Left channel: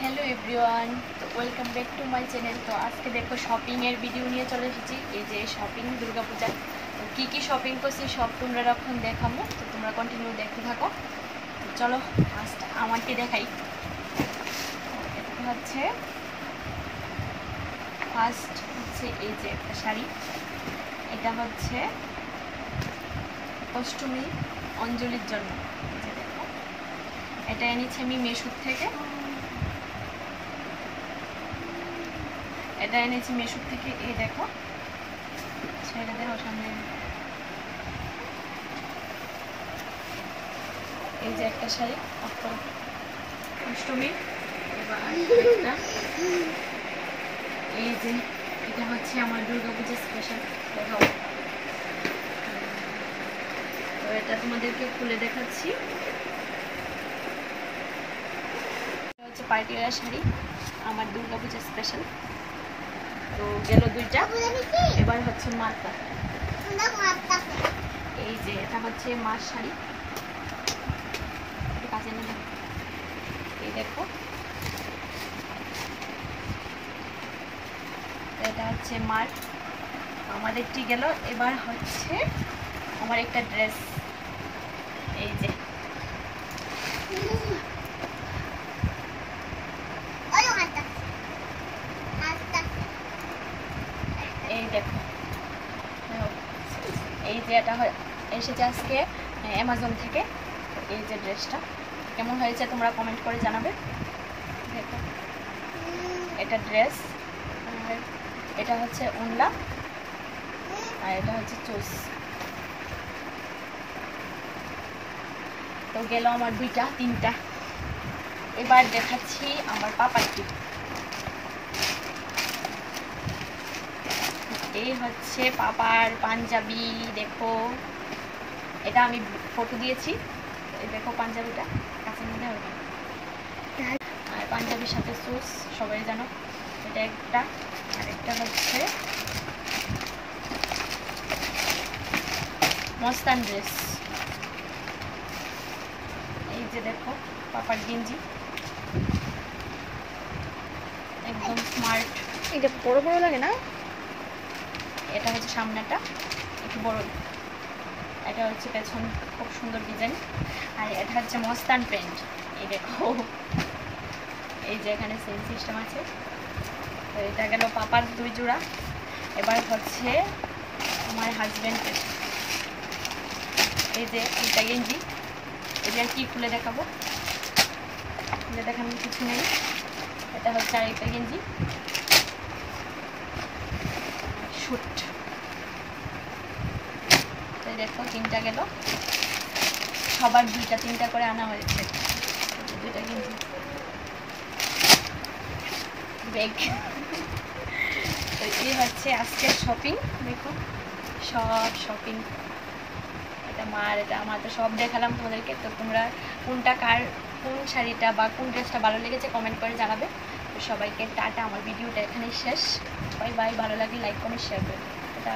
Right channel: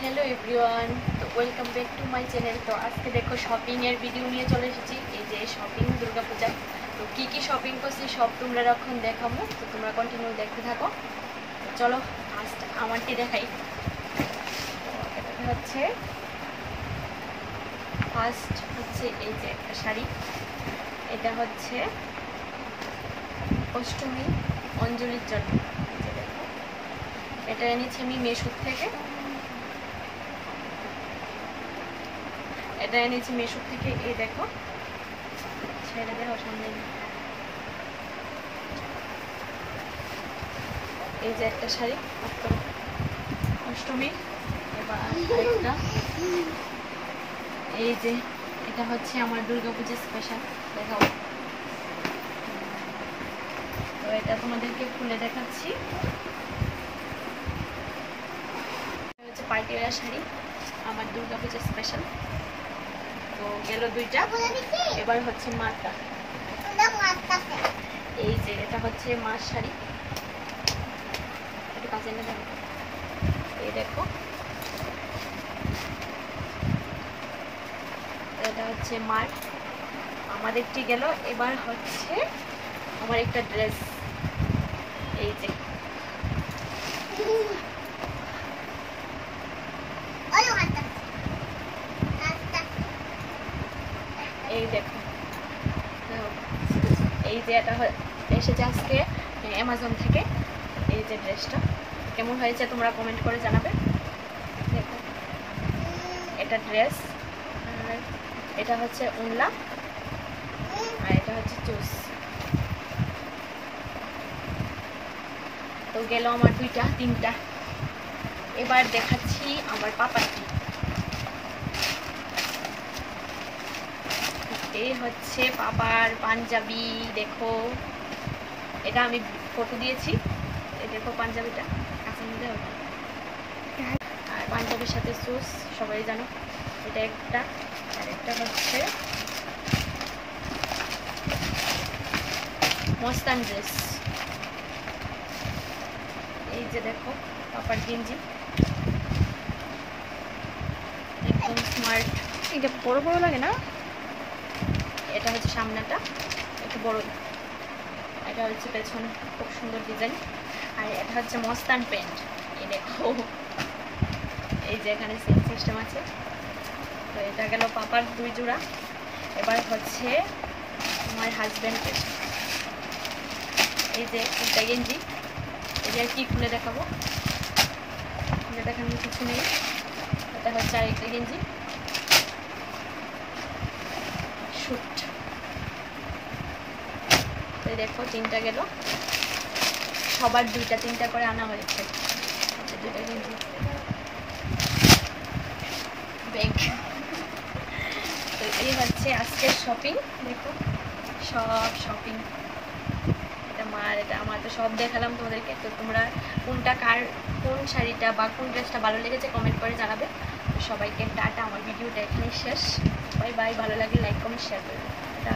Hello everyone, तो welcome back to my channel. तो आज के देखो शॉपिंग एर भिडियो নিয়ে চলে এসেছি। এই যে শপিং দুর্গা পূজা, তো কি শপিং করছি সব তোমরা এখন দেখাবো, তো তোমরা কন্টিনিউ দেখতে থাকো। তো চলো ফার্স্ট আমারটি দেখাই। এটা হচ্ছে ফার্স্ট হচ্ছে এই যে একটা শাড়ি, এটা হচ্ছে অষ্টমী অঞ্জলির জন্য। দেখো এটা এনেছি আমি মেশো থেকে, এটা এনেছি মেশো থেকে। এই দেখো ছেড়ে দেখো সামনে, এই যে একটা শাড়ি অষ্টমী। এই যে এটা হচ্ছে আমার দুর্গা পুজো স্পেশাল। দেখাও, এটা তোমাদেরকে খুলে দেখাচ্ছি। হচ্ছে পার্টি ওয়্যার শাড়ি আমার দুর্গা পুজো স্পেশাল। তো গেল দুইটা, এবার হচ্ছে মারটা। এই যে এটা হচ্ছে মার শাড়ি, একটু কাছে এনে দেখো। এই দেখো এটা হচ্ছে মার। আমার একটি গেল, এবার হচ্ছে আমার একটা ড্রেস। এই যে এই দেখো, এই যে এটা এসেছে আজকে অ্যামাজন থেকে। এই যে ড্রেসটা কেমন হয়েছে তোমরা কমেন্ট করে জানাবে। দেখো এটা ড্রেস, এটা হচ্ছে উনলা, আর এটা হচ্ছে চুস। তো গেল আমার দুইটা তিনটা। এবার দেখাচ্ছি আমার পাপারটি। এই হচ্ছে পাপার পাঞ্জাবি। দেখো এটা আমি ফটো দিয়েছি, দেখো পাঞ্জাবিটা কাছে মধ্যে ওটা, আর পাঞ্জাবির সাথে শুজ সবাই জানো। এটা একটা, আর একটা হচ্ছে মস্তান ড্রেস। এই যে দেখো পাপার গেঞ্জি একদম স্মার্ট। এটা বড় বড় লাগে না, এটা হচ্ছে সামনেটা একটু বড়, এটা হচ্ছে পেছন খুব সুন্দর ডিজাইন। আর এটা হচ্ছে মস্তান প্যান্ট। এই দেখো এই যে এখানে সেম সিস্টেম আছে। তো এটা গেল পাপার দুই জোড়া। এবার হচ্ছে আমার হাজব্যান্ড, এই যে এটা গেঞ্জি। এটা কি খুলে দেখাবো, দেখানোর কিছু নেই। এটা হচ্ছে আরেকটা গেঞ্জি শুট। এই দেখো তিনটা গেল, সবার দুইটা তিনটা করে আনা হয়েছে। দুইটা গেঞ্জি ব্যাগ। এই হচ্ছে আজকের শপিং। দেখো সব শপিং, এটা মার, এটা আমার, তো সব দেখালাম তোমাদেরকে। তো তোমরা কোনটা কোন শাড়িটা বা কোন ড্রেসটা ভালো লেগেছে কমেন্ট করে জানাবে। সবাইকে টাটা। আমার ভিডিওটা এখানেই শেষ। Bye bye. ভালো লাগে লাইক কমেন্ট শেয়ার করবে। এটা